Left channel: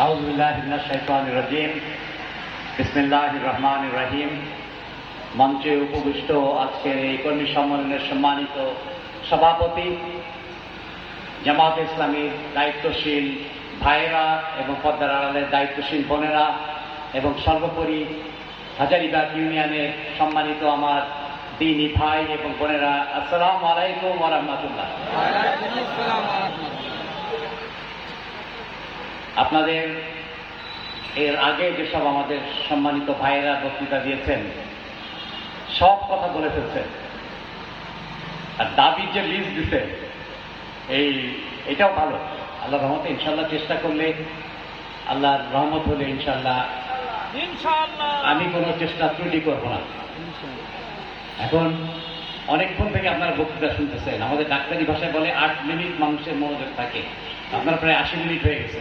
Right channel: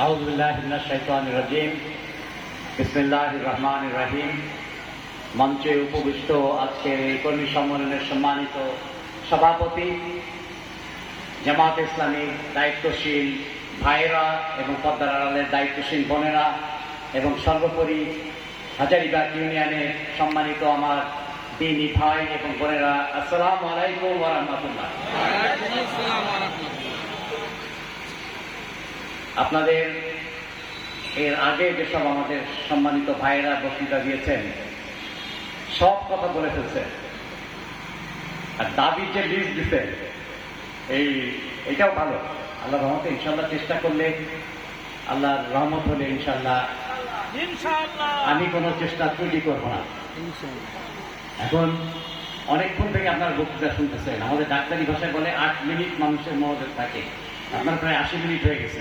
أعوذ بالله من الشيطان الرجيم. بسم الله الرحمن الرحيم. মঞ্চে উপবিষ্ট আজকের এই কর্মী সম্মেলনের সম্মানিত সভাপতি, জামাত ইসলামী দায়িত্বশীল ভাইরা এবং পদ্মার আড়ালের দায়িত্বশীল বোনেরা এবং সর্বোপরি হাজারিবাগ ইউনিয়নে সম্মানিত আমার দিনই ভাই এবং বোনেরা, আসসালাম আলাইকুম ওরহমতুল্লাহ আপনাদের এর আগে যেসব আমাদের সম্মানিত ভাইয়েরা বক্তৃতা দিয়েছেন সব কথা বলে ফেলছেন। আর দাবির যে লিস্ট দিতেন এই এটাও ভালো। আল্লাহ রহমতে ইনশাল্লাহ চেষ্টা করলে আল্লাহর রহমত হলে ইনশাল্লাহ আমি কোনো চেষ্টা ত্রুটি করব না। এখন অনেকক্ষণ থেকে আপনার বক্তৃতা শুনতেছেন। আমাদের ডাক্তারি ভাষায় বলে আট মিনিট মানুষের মনোযোগ থাকে। আপনার প্রায় আশি মিনিট হয়ে গেছে।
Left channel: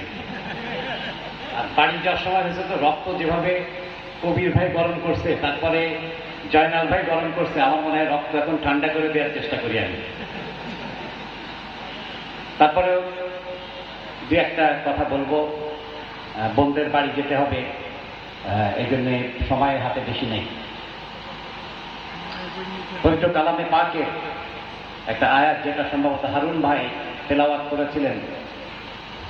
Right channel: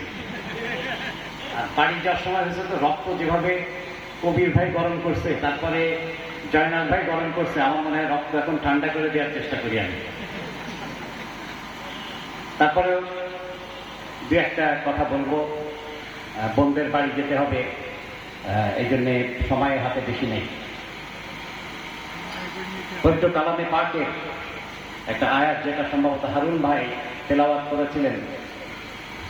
বাড়ি যাওয়ার সময় হয়েছে তো রক্ত যেভাবে কবির ভাই গরম করছে তারপরে জয়নাল ভাই গরম করছে আমার মনে হয় রক্ত এখন ঠান্ডা করে দেওয়ার চেষ্টা করি আমি। তারপরে দু একটা কথা বলব। আহ, বোনদের বাড়ি যেতে হবে। এই জন্যে সময় হাতে বেশি নেই। পবিত্র কালামে পাকের একটা আয়াত যেটা সম্ভবত হারুন ভাই তেলাওয়াত করেছিলেন।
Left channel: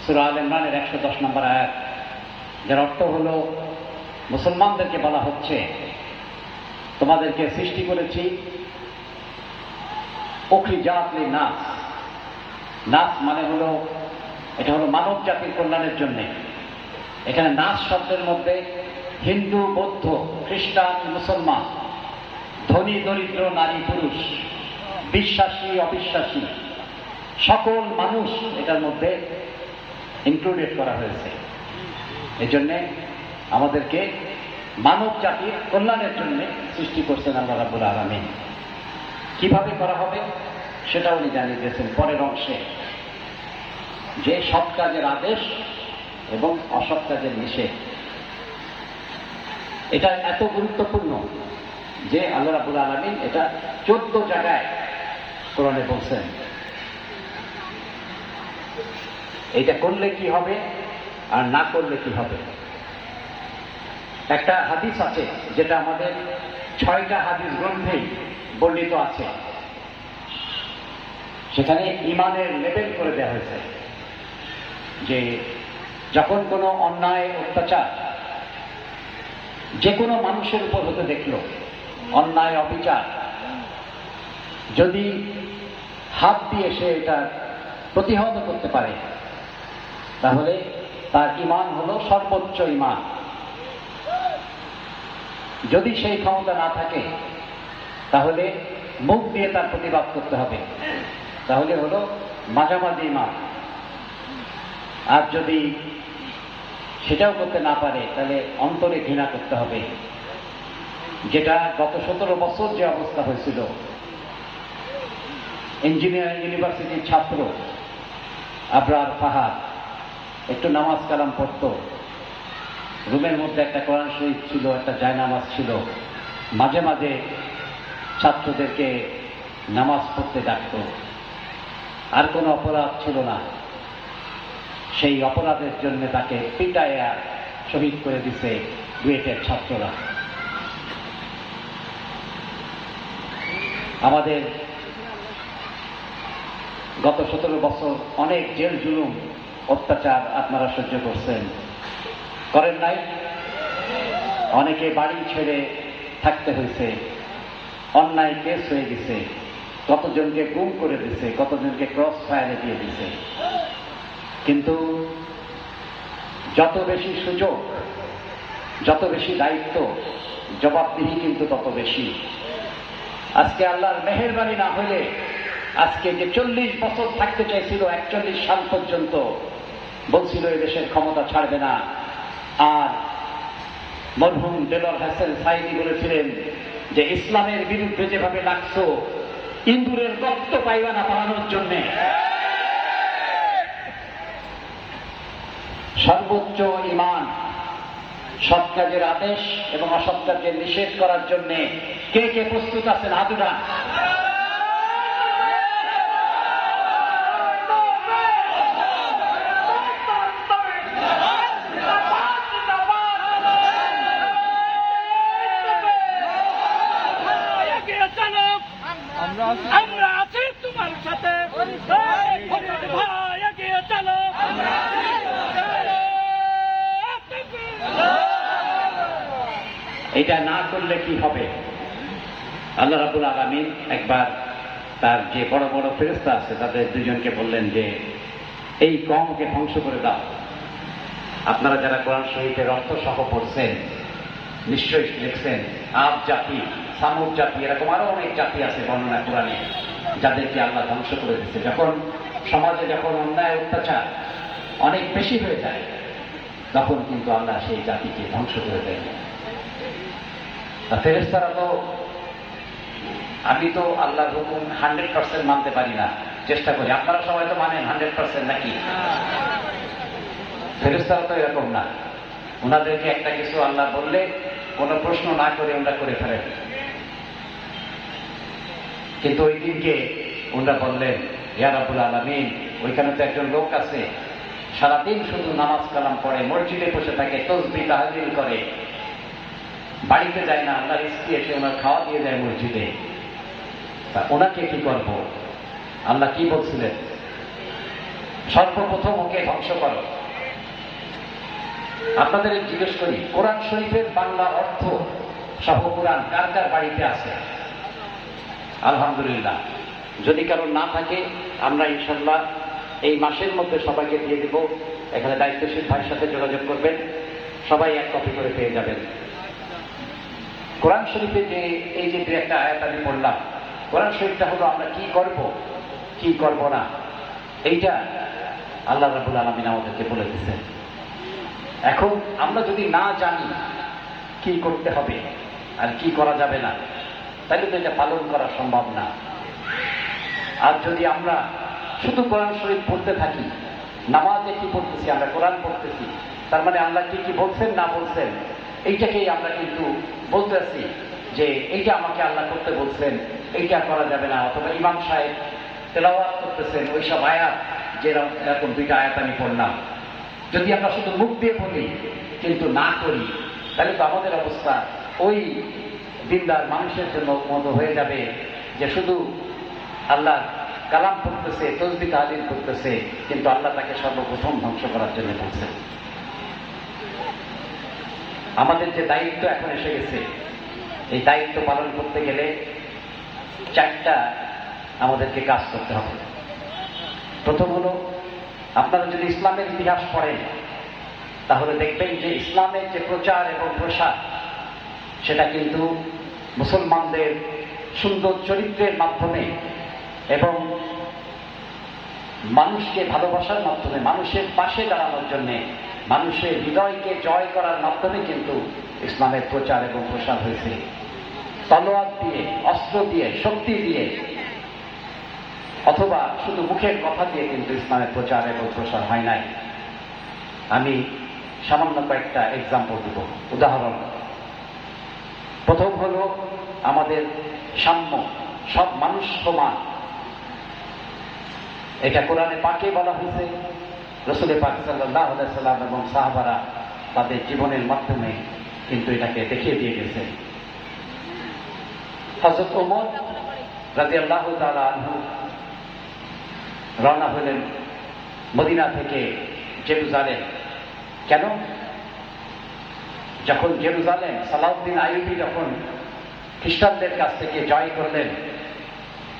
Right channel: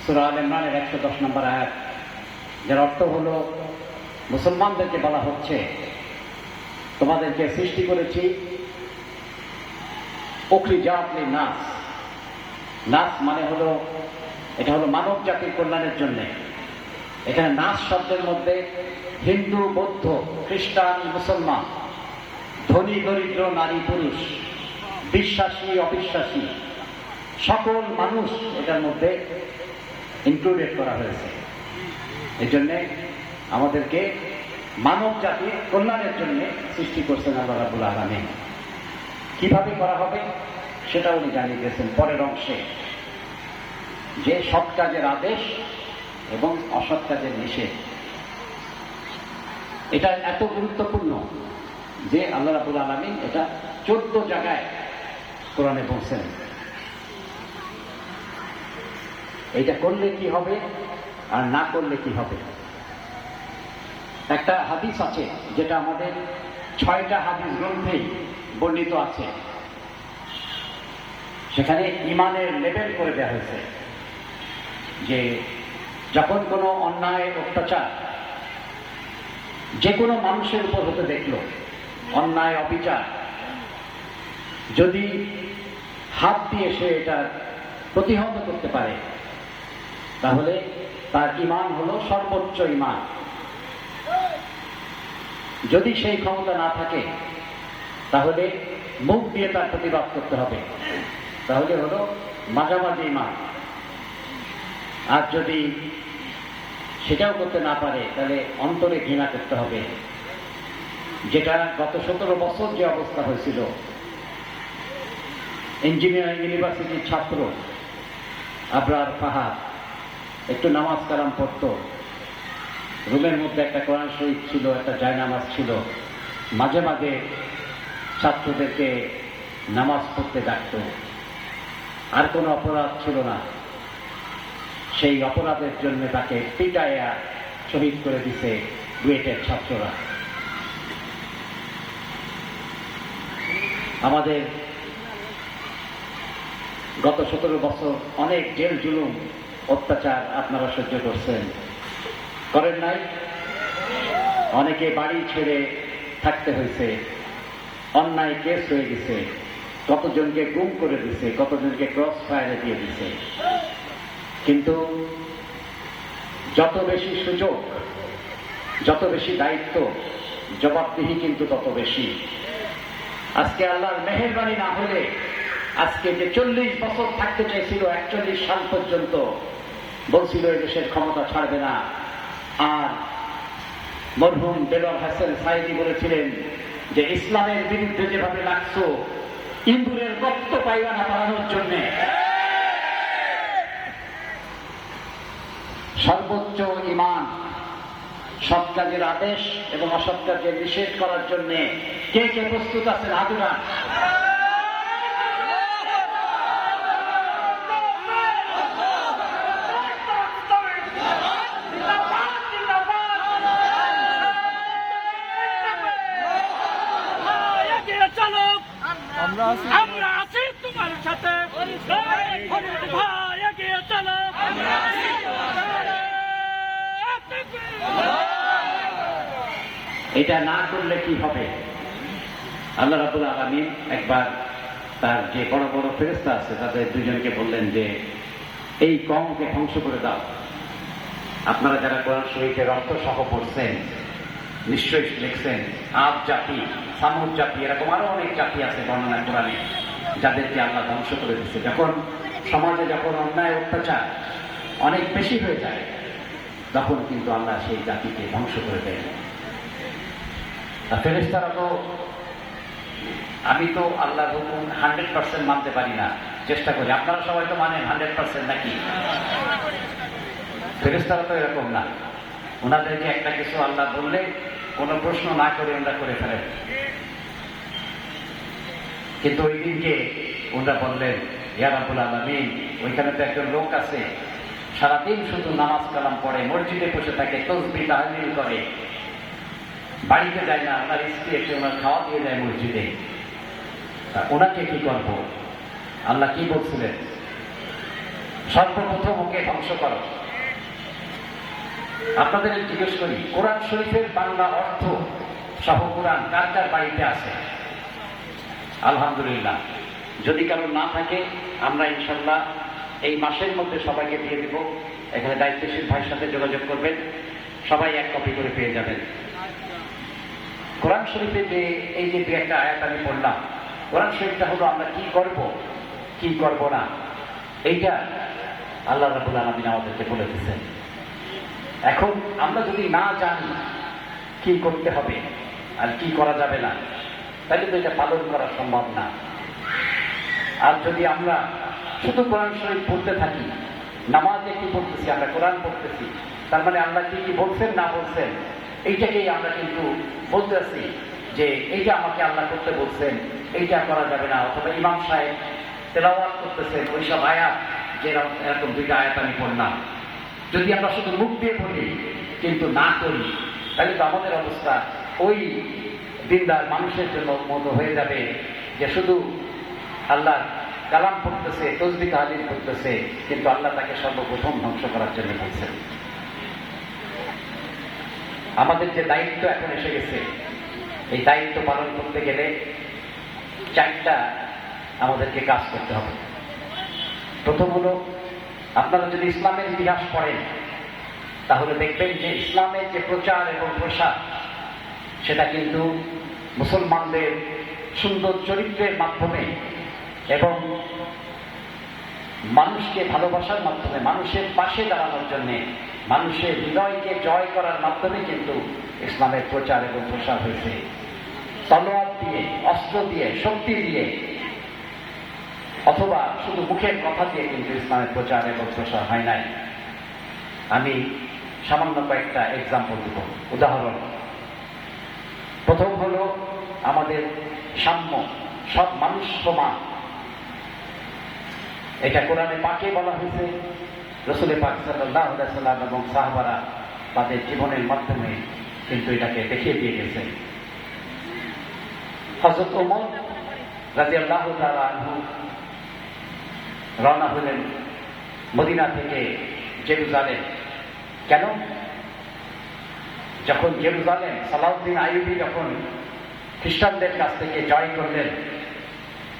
সুরা ইমরানের একশো দশ নম্বর আয়াত, যার অর্থ হলো, মুসলমানদেরকে বলা হচ্ছে, তোমাদেরকে সৃষ্টি করেছি ওখরি জাতলি নাস। নাস মানে হলো, এটা হলো মানব জাতির কল্যাণের জন্যে। এখানে নাস শব্দের মধ্যে হিন্দু, বৌদ্ধ, খ্রিস্টান, মুসলমান, ধনী, দরিদ্র, নারী, পুরুষ, বিশ্বাসী, অবিশ্বাসী, সকল মানুষ এটার মধ্যে ইনক্লুডেড করা হয়েছে। এই জন্যে আমাদেরকে মানব জাতির কল্যাণের জন্য সৃষ্টি করছেন আল্লাহ রাবুল আলমী কীভাবে করা হবে সেটা উনি জানিয়ে দিয়েছেন পরের অংশে। যে সৎ কাজের আদেশ এবং অসৎ কাজের নিষেধ। এটা এত গুরুত্বপূর্ণ যে আল্লাহ রাবুল আলমিন এটা চোদ্দ জায়গায় কোরআনে বলছেন। এটা করলে কি হবে আর না করলে কি হবে? একটা হাদিস আছে যেটা আমাদের ছয়টা হাদিস গ্রন্থেই বর্ণিত আছে। সেখানে ইমানের লেভেল করে দেওয়া হয়েছে যে যখন কোনো অন্যায়, অত্যাচার যে কোনো মানুষের উপর হতে দেখল, অন্যায়, অবিচার, যদি হাত দিয়ে সে এটা প্রতিহত করতে পারে তাহলে তার ইমান হলো সর্বোচ্চ ইমান। যদি সেই ক্ষমতা না থাকে, তাহলে মুখ দিয়ে তার প্রতিবাদ করতে হবে। তাহলে হলো মাঝামাঝি ইমান। আর যদি সেটাও করতে না পারে, তাহলে অন্তরে ঘৃণা করতে হবে। যেটা গত সতেরো বছর যে অবস্থা হয়েছিল। ইঞ্জিনিয়ারিং ইউনিভার্সিটির ছাত্র আবরার ফাহাদ একটু নামাজ কালাম পড়তো। রুমের মধ্যে একটা কোরআন শরীফ ছিল, একটা জায়নামাজ ছিল। মাঝে মাঝে ছাত্রদেরকে নামাজ পড়তে ডাকত। আর কোনো অপরাধ ছিল না। সেই অপরাধের জন্য তাকে পিটায়া শহীদ করে দিছে বুয়েটের ছাত্ররা। আমাদের গত সতেরো বছর অনেক জেল জুলুম অত্যাচার আপনারা সহ্য করছেন। করেন নাই? অনেকে বাড়ি ছেড়ে থাকতে হয়েছে। অন্যায় কেস হয়ে গেছে। কতজনকে গুম করে দিছে, কতজনকে ক্রস ফায়ারে দিয়ে দিছে। কিন্তু যত বেশি সুযোগ, যত বেশি দায়িত্ব, জবাবদিহি কিন্তু তত বেশি। আজকে আল্লাহর মেহরবানি না হলে আজকে যে চল্লিশ বছর থাকতে চাইছিল, একচল্লিশ সাল পর্যন্ত বলছিল, এই দেশের ক্ষমতা ছাড়বে না। আর মরহুম দেবর হাসান সাইদি বলেছিলেন যে, ইসলামের বিরুদ্ধে যেভাবে লাগছো, ইন্দুরের রক্ত পাইবা না পালানোর জন্য। সর্বোচ্চ ইমান, সৎ কাজের আদেশ এবং অসৎ কাজের নিষেধ করার জন্য কে কে প্রস্তুত আছেন আদুরা আমরা আছি। তোমার সাথে। ভাই এগিয়ে চলো। এটা না করলে কি হবে? আল্লাহ রাবুল আলমিন একবার তার যে বড় বড় ফেরস্তা আছে তাদের দুজনকে বললেন যে এই কমকে ধ্বংস করে দাও। আপনারা যারা কোরআন শরীফের অর্থ সহ পড়ছেন নিশ্চয়ই দেখছেন আর জাতি সামুদ জাতি, এরকম আরও অনেক জাতি আছে বর্ণনা কোরআনে, যাদেরকে আল্লাহ ধ্বংস করে দিচ্ছে যখন সমাজে যখন অন্যায়, অত্যাচার অনেক বেশি হয়ে যায়, তখন কিন্তু আল্লাহ সেই জাতিকে ধ্বংস করে দেয় তা ফেরেস্তারা তো, আমি তো আল্লাহর হুকুম হান্ড্রেড পার্সেন্ট মানতে পারি না, চেষ্টা করি। আপনারা সবাই তো মানেন হান্ড্রেড পার্সেন্ট নাকি? ফেরেস্তারা তো এরকম না। ওনাদেরকে একটা কিছু আল্লাহ বললে কোনো প্রশ্ন না করে ওরা করে ফেলেন। কিন্তু ওই দিনকে ওরা বললেন ইয়ারাবুল আলমিন, ওইখানে তো একজন লোক আছে। সারাদিন শুধু নামাজ কালাম পড়ে, মসজিদে বসে থাকে, তসবি তাহলিল করে। বাড়িতে যায় না, ওনার স্ত্রী এসে ওনার খাওয়া দিয়ে যায় মসজিদে। তা ওনাকে কি করব? আল্লাহ কি বলছিলেন? সর্বপ্রথম ওকে ধ্বংস করো। আপনাদের জিজ্ঞেস করি, কোরআন শরীফের বাংলা অর্থ সহ কোরআন কার কার বাড়িতে আছে? আলহামদুলিল্লাহ। যদি কারও না থাকে, আমরা ইনশাল্লাহ এই মাসের মধ্যে সবাইকে দিয়ে দেব। এখানে দায়িত্বশীল ভাইয়ের সাথে যোগাযোগ করবেন। সবাই এক কপি করে পেয়ে যাবেন। কোরআন শরীফে যে, এই যে দু একটা আয়াত আমি পড়লাম, কোরআন শরীফটা হলো আমরা কি করব কি করব না? এইটা আল্লাহ রাবুল আলমিন আমাদেরকে বলে দিচ্ছেন এখন আমরা যদি না জানি কি করতে হবে আর কি করা যাবে না তাহলে তো এটা পালন করা সম্ভব না। আর যদি আমরা শুধু কোরআন শরীফ পড়তে থাকি, নামাজে কি পড়তেছি, আমরা কোরআন পড়তেছি, তার মানে আল্লাহ কি কি বলছেন, না বলছেন, এইটাকেই আমরা কিন্তু বলতেছি যে এইটা আমাকে আল্লাহ করতে বলছেন, এইটা করা যাবে না। অথবা ইমাম সাহেব তেলাওয়াত করতেছেন, ওইসব আয়াত যেরকম এরকম দুইটা আয়াত আমি পড়লাম। যদি আমরা শুধু মুখ দিয়ে বলি কিন্তু না করি তাহলে তো আমাদের অবস্থা ওই দিনদার মানুষের জন্য মতো হয়ে যাবে যে শুধু আল্লাহ কালাম করতেছে তসবি তাহাদিন করতেছে কিন্তু আল্লাহ তাকে সর্বপ্রথম ধ্বংস করার জন্য বলছেন আমাদের যে দায়িত্ব এখন এসে গেছে, এই দায়িত্ব পালন করতে গেলে চারটা আমাদেরকে কাজ করতে হবে। প্রথম হলো, আপনারা যদি ইসলামের ইতিহাস পড়েন, তাহলে দেখবেন যে ইসলামের যে প্রচার এবং প্রসার, সেটা কিন্তু মুসলমানদের সুন্দর চরিত্রের মাধ্যমে এবং মানুষকে ভালোবাসার মাধ্যমে, মানুষের পাশে দাঁড়ানোর জন্য, মানুষের হৃদয়কে জয় করার মাধ্যমে কিন্তু ইসলামের প্রচার এবং প্রসার হয়েছে। তলোয়ার দিয়ে, অস্ত্র দিয়ে, শক্তি দিয়ে, অথবা শুধু মুখের কথা দিয়ে কিন্তু ইসলামের প্রচার এবং প্রসার হয় নাই। আমি সামান্য কয়েকটা এক্সাম্পল দেব। উদাহরণ প্রথম হলো আমাদের সাম্য সব মানুষ সমান। এটা কোরআনে পাকে বলা হয়েছে। রসুলে পাক সাল্লাহ সাল্লাম এবং সাহাবারা তাদের জীবনের মাধ্যমে কিন্তু এটাকে দেখিয়ে দিয়ে গেছেন হজরত ওমর রাজি আল্লাহ আনহু রওনা হলেন মদিনা থেকে জেরুজালেম। কেন? যখন জেরুজালেম সালাউদ্দিন আইবি যখন খ্রিস্টানদের কাছ থেকে জয় করলেন,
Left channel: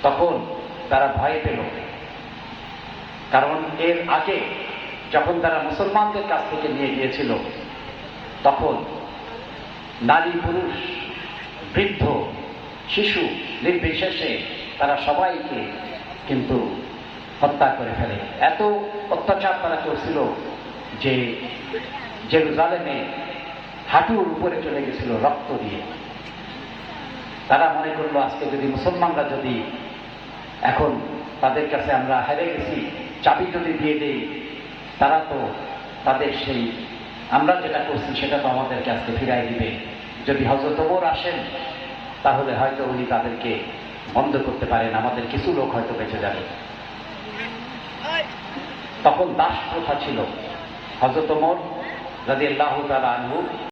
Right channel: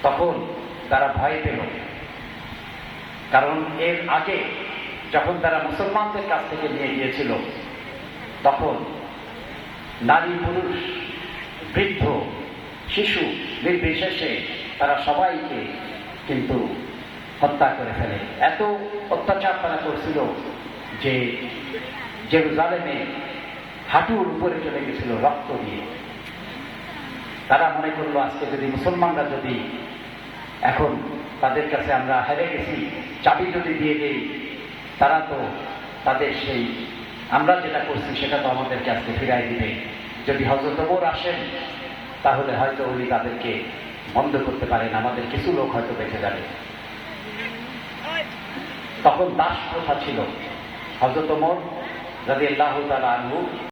তখন তারা ভয় পেল। কারণ এর আগে যখন তারা মুসলমানদের কাছ থেকে নিয়ে গিয়েছিল, তখন নারী, পুরুষ, বৃদ্ধ, শিশু নির্বিশেষে তারা সবাইকে কিন্তু হত্যা করে ফেলে। এত অত্যাচার তারা করছিল যে জেরুজালেমে হাঁটুর উপরে চলে গেছিল, রক্ত দিয়ে। তারা মনে করল, আজকে যদি মুসলমানরা যদি এখন তাদের কাছে আমরা হেরে গেছি, চাবি যদি দিয়ে দিই, তারা তো তাদের সেই আমরা যেটা করছি, সেটা তো আমাদেরকে আজকে ফিরাই দিবে। যদি হজরত আসেন, তাহলে হয়তো উনি তাদেরকে বন্ধ করতে পারেন, আমাদের কিছু লোক হয়তো বেঁচে যাবে। তখন দাস প্রথা ছিল হজরত ওমর রাজি আল্লাহ আনহু।